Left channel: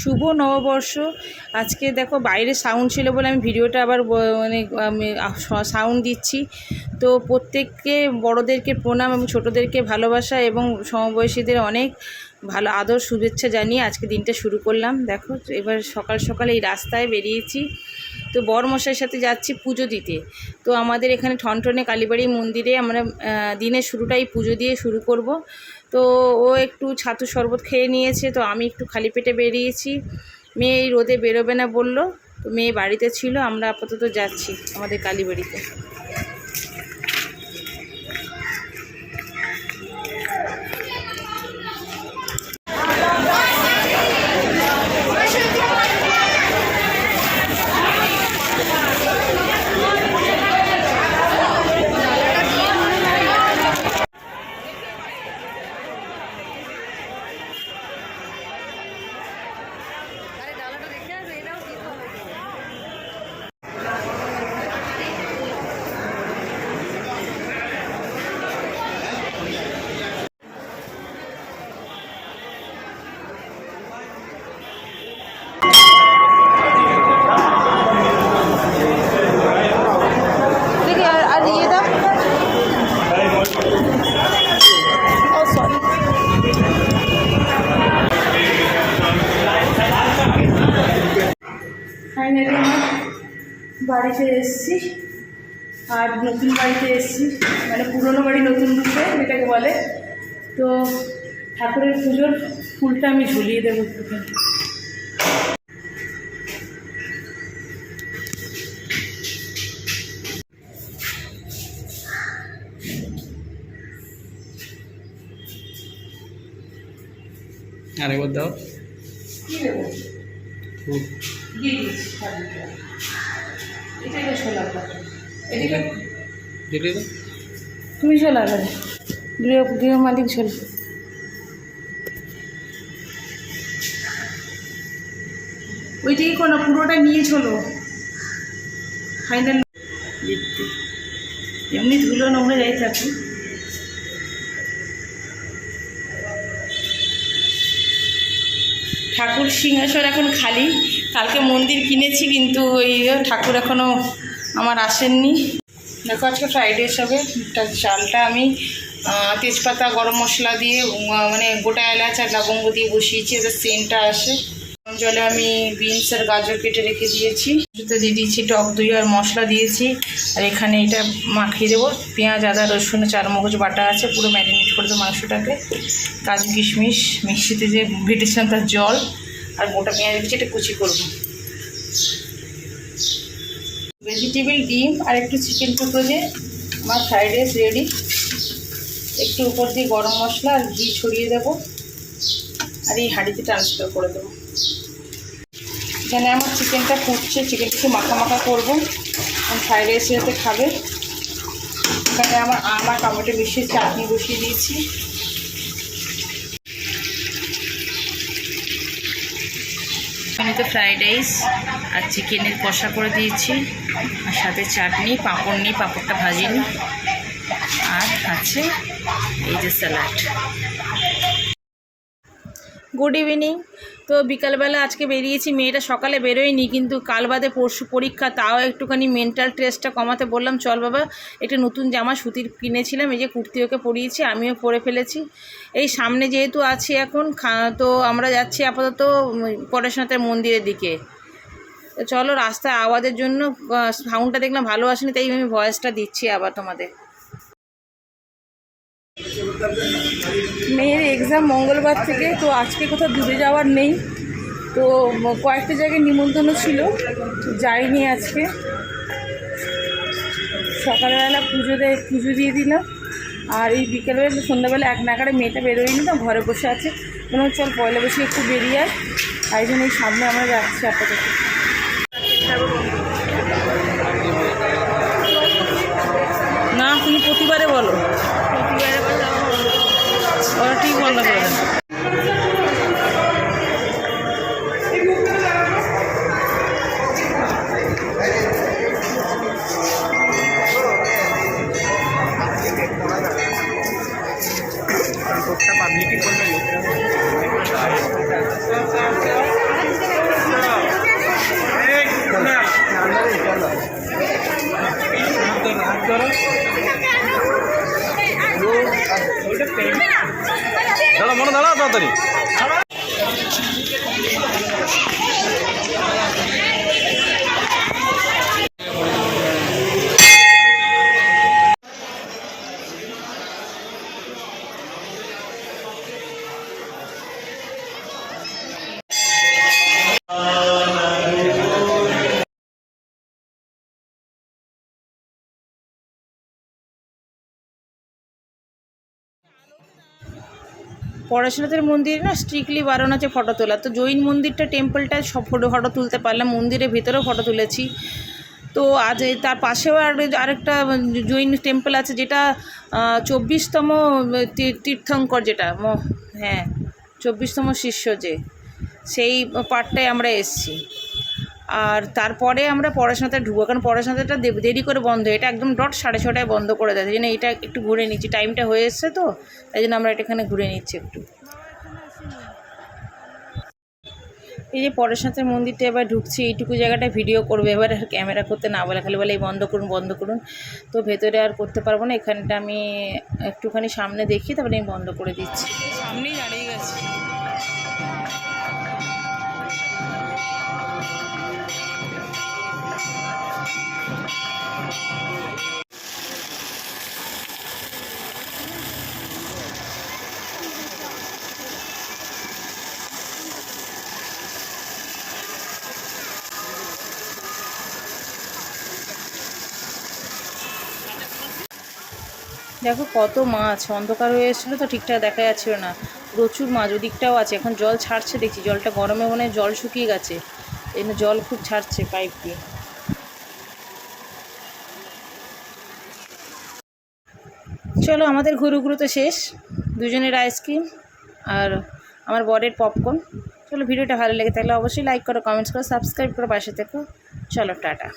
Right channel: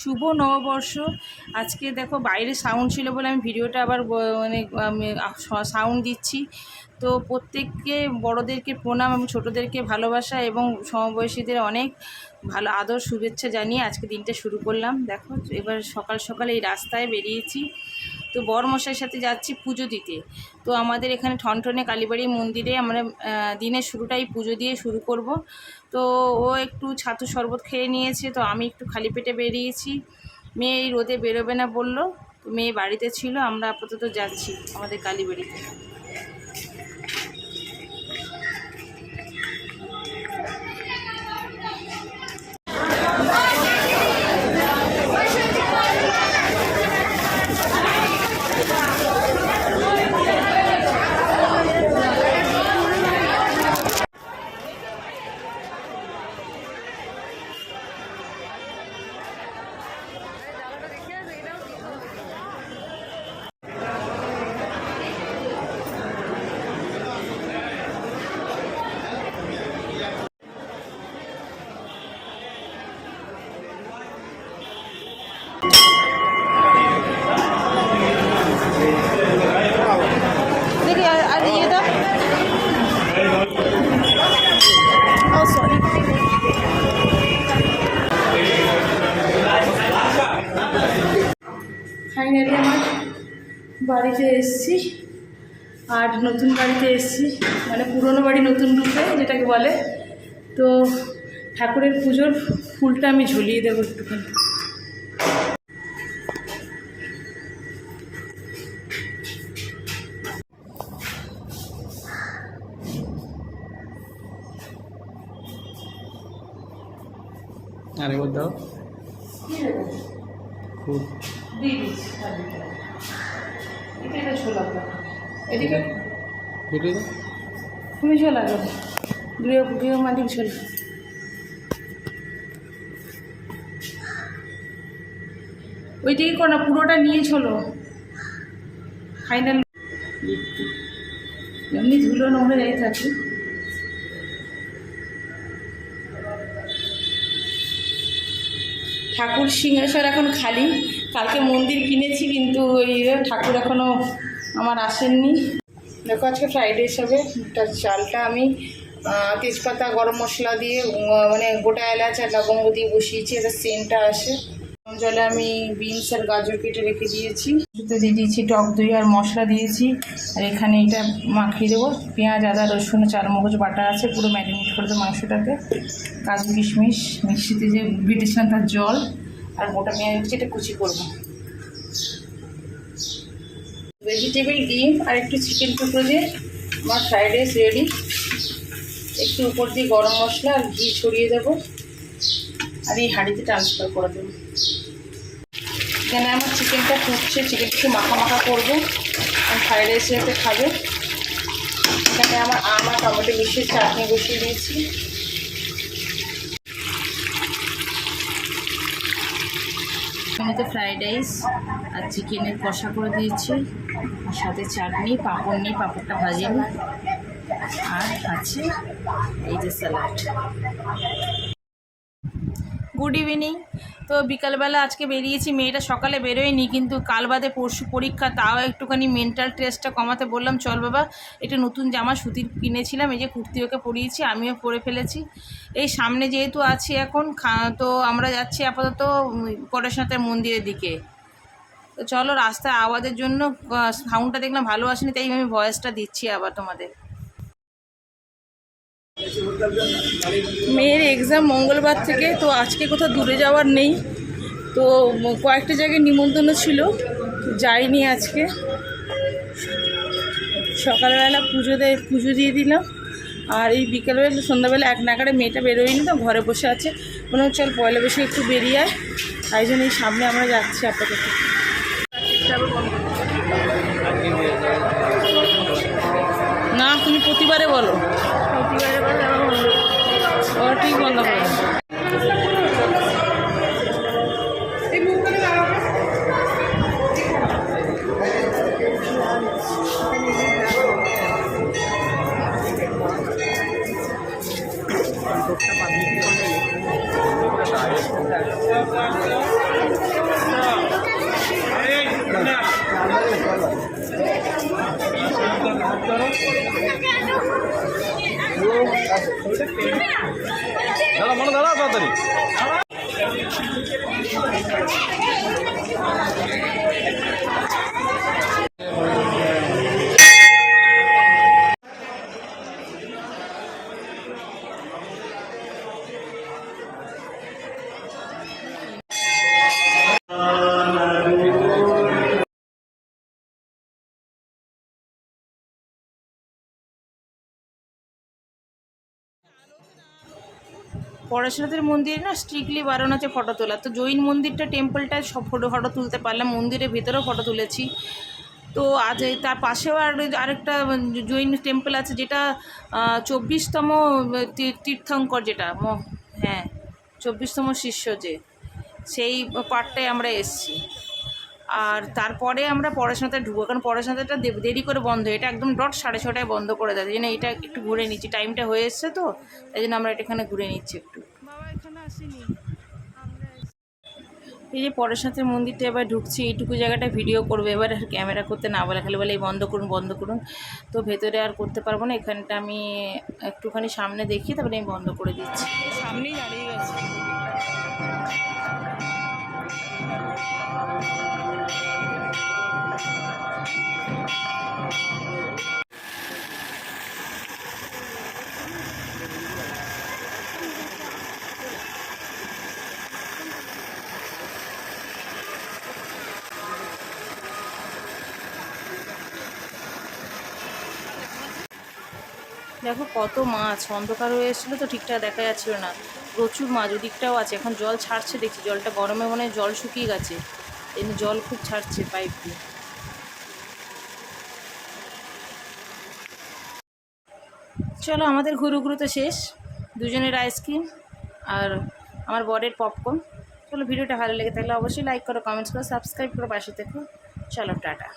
শুভ নববর্ষ। আজকে দেখো বাইরে সাউন্ড ছিল বলে আমি ভিডিওটা আবার মানে সাউন্ড দিচ্ছি। তো প্রত্যেককে বড়োদেরকে প্রণাম এবং ছোটোদেরকে ভালোবাসা এবং সমবয়সীদের অনেক ভালো আদর, শুভেচ্ছা জানিয়ে আজকে দিনটা শুরু করলাম। দেখো এবার সকাল সকাল এই রাস্তায় বেরিয়েছি। তো বরমশাইয়ের সাথে যাচ্ছি পুজো দিতে। তো আমাদের এখানে ঠনঠনে কালীবাড়ি মন্দিরে আমরা দিনের শুরুটাই পুজো দিয়ে শুরু করব। তো ও একটু ছাতু শরবত খেয়ে নিয়েছে, তো আমি একটু খালি পেটে বেরিয়েছি। মেয়ে এই রোদে বেরোবে না বলল, তো মেয়ে বাড়িতে ছিল, আমরা আপাতত যাচ্ছি আমাদের কালীবাড়িতে দেখি আর আর ইয়ে দাও ফাইনালি আমার বাড়িতে এসেছি। আর নতুন বাড়িতে এসেছি। মানে পুরনো বাড়ি নতুন রূপে যেটাকে বলে। তো ঠাকুরের পুজোর ফুলটা আমি ঝুলিয়ে দেবো একটুখানি। আরেকবার দাও। কী এটা এটা এদিকে দেখলে তো তুমি চলে আসবে গৃহ গৃহ মালিক চলে ওইটাই করো না পুরোটা নিয়ে চলো ফাইনাল এমনি ধুলো নোংরা যাই থাকুক। ঠাকুর সিংহাসন এখন খালি। কালকে মন্দির কিনেছি, কিন্তু ওই ঠাকুর এখনও আমার আসেননি। দেখো আজকে ফ্রাইডে হিসাবে চালটা আমি তেজপাতা, গরম মশলা দিয়ে মানে গোটা এলাচ আর লবঙ্গ দিয়ে বসিয়েছি এদের সেন্টটা আসে। জলে আমি বিনস আর গাজর কেটে রেখে দিয়েছি। দিয়ে দিয়েছি টক দই আর মশলা দিয়েছি। আর এখানে এটা মাখিয়ে দেবো। পেঁয়াজ, আদা, রসুন চার মগজ বাটা আছে, পুরো ম্যারিনেট করে দেবো মাংসটাকে। কাজু, কিশমিশ, মিক্সিতে যে বেটেছিলাম তার জল। আর গোটা পেঁয়াজ রেখেছি, এটা কুচি করব। ভেজিটেবিল ডিম আর একটু চিকেন টুকরো দিয়ে আমার ফ্রাইড রাইস রেডি একটু উপর দিয়ে গরম মশলা আর ঘি ছড়িয়ে দেবো। আর এই হাঁড়িতে ট্রান্সফার করে দেবো। এখানে আমার চিকেনটা ফুটছে, চিকেনটা একটু মাখা মাখা করব। ফ্রাইড রাইসের সাথে খাবে। এখানে আমার আম আর টমেটো মিশিয়ে চাটনি বসিয়ে দিয়েছি। এখানে তো ফ্রাইড রাইস আর চিকেনের কষা করে দিয়েছি। আর সাথে চাটনি, পাঁপড় নিই পাঁপড়টা ভাজিনি। আর আছে এই যে স্যালাড। গুড ইভিনিং তো বিকালবেলা আজকে বেরিয়েছি, মেয়েটা সকালে বেরোয়নি, কিন্তু কাল বাদে পরশু পরীক্ষা, তাও একটুখানি মেন্টাল স্ট্রেসটা কমাতে বললাম, চল বাবা, একটা নতুন জামা, সুতির কিনেছিলাম, এই যে কুর্তি ওকে পরিয়েছি, আমিও পরে ফেলেছি। এই সামনে যেহেতু আছি এখন তো আমরা যাচ্ছি আপাতত পরেশনাথের মন্দিরের দিকে। তো চলো রাস্তায় আওয়াজের জন্য সাউন্ডটা দেখলাম ভালো আসেনি, তাই আমি ভয়েসটা দিচ্ছি আবার তোমাদের। মেয়ের এক্সাম মঙ্গলবার থেকে তো আজকে কোথাও দূরে যাওয়ার নেই। তো কয়েকটা জায়গায় নিমন্ত্রণ ছিল যাইনি আজকে। সকালবেলা পুজো দেয়, পুজো দিয়ে দিলাম। আর এই বিকেলবেলা, সন্ধ্যাবেলা এক নাগারে মেয়েটা বেরোয়নি, তো ঘরে বসে আছে। কোনো চল পয়লা বসে একটু বেরিয়ে আয়। তাই জন্য এই সামনে আমরা যাচ্ছি আপাতত। না তুমি প্রতিবারে বলো। ওরা ঠিক বন্ধ করে দেন পাবলিক পড়াশোনাদের মন্দিরে না স্ট্রিক্টলি বারণ আছে ফটো তোলা। তো জৈন মন্দিরটা টেম্পলটা সব ফটো ফটো তুলতে পারলাম, মন্দিরের ভিতরেও ফটো তুলেছি। তো আজ তার পাশেও আর আরেকটা জৈন টেম্পল আছে যেটা চব্বিশতম তীর্থঙ্কর যেটা, ম- হ্যাঁ চব্বিশতম শিষ্য যে, সেই পার্টটায় আমরা এসছি। আর তারপরে আমরা পড়াশোনাতে ঢুকবো, কারণ পড়াশোনাটা দেরি করে বন্ধ, এটা একদম ডট সাড়ে ছটায় বন্ধ করে দেয় জন্য এটা একটু ঘুরে নিচ্ছি, টাইমটা হয়ে এসছে তো, তাই জন্য আমরা এটা এখানে ঘুরে নিচ্ছি একটু। এই যে পরেশনাথের মন্দিরটা এবার ঢুকছি, এইটুকু জায়গাটা ভিডিও করবে, এবার আর ক্যামেরা করতে না বলে, খালি বলে এই বন্ধ করুন বন্ধ করুন, তো ভেতরে আর করতে পারব না, এখানটা আমি একটুখানি সামনে দেখি, তারপরে আমি বন্ধ করে দিচ্ছি। সামনেই দাঁড়িয়ে গেছি। দেখো কত মাছ, অন্ধকার হয়ে এসেছিল তো ঠিকঠাক দেখা যাচ্ছিল না। প্রচুর মাছ, ওদিকটাও আছে, এখন জল ছাড়ছে দেখছি, জলটা গরমে মনে জল শুকিয়ে গেছে। এই জল খুব ছাড়ছে পাইপ দিয়ে। চলো, আমাদের ঘুরু ঘুরু তো শেষ, দুজনের আইসক্রিম আর আমার বরের পপকর্ন চলো, ভিডিওটা ভালো লেগে থাকলে অবশ্যই লাইক করো কমেন্টস করো সাবস্ক্রাইব করো, পাশে থেকো। চলো, টাটা।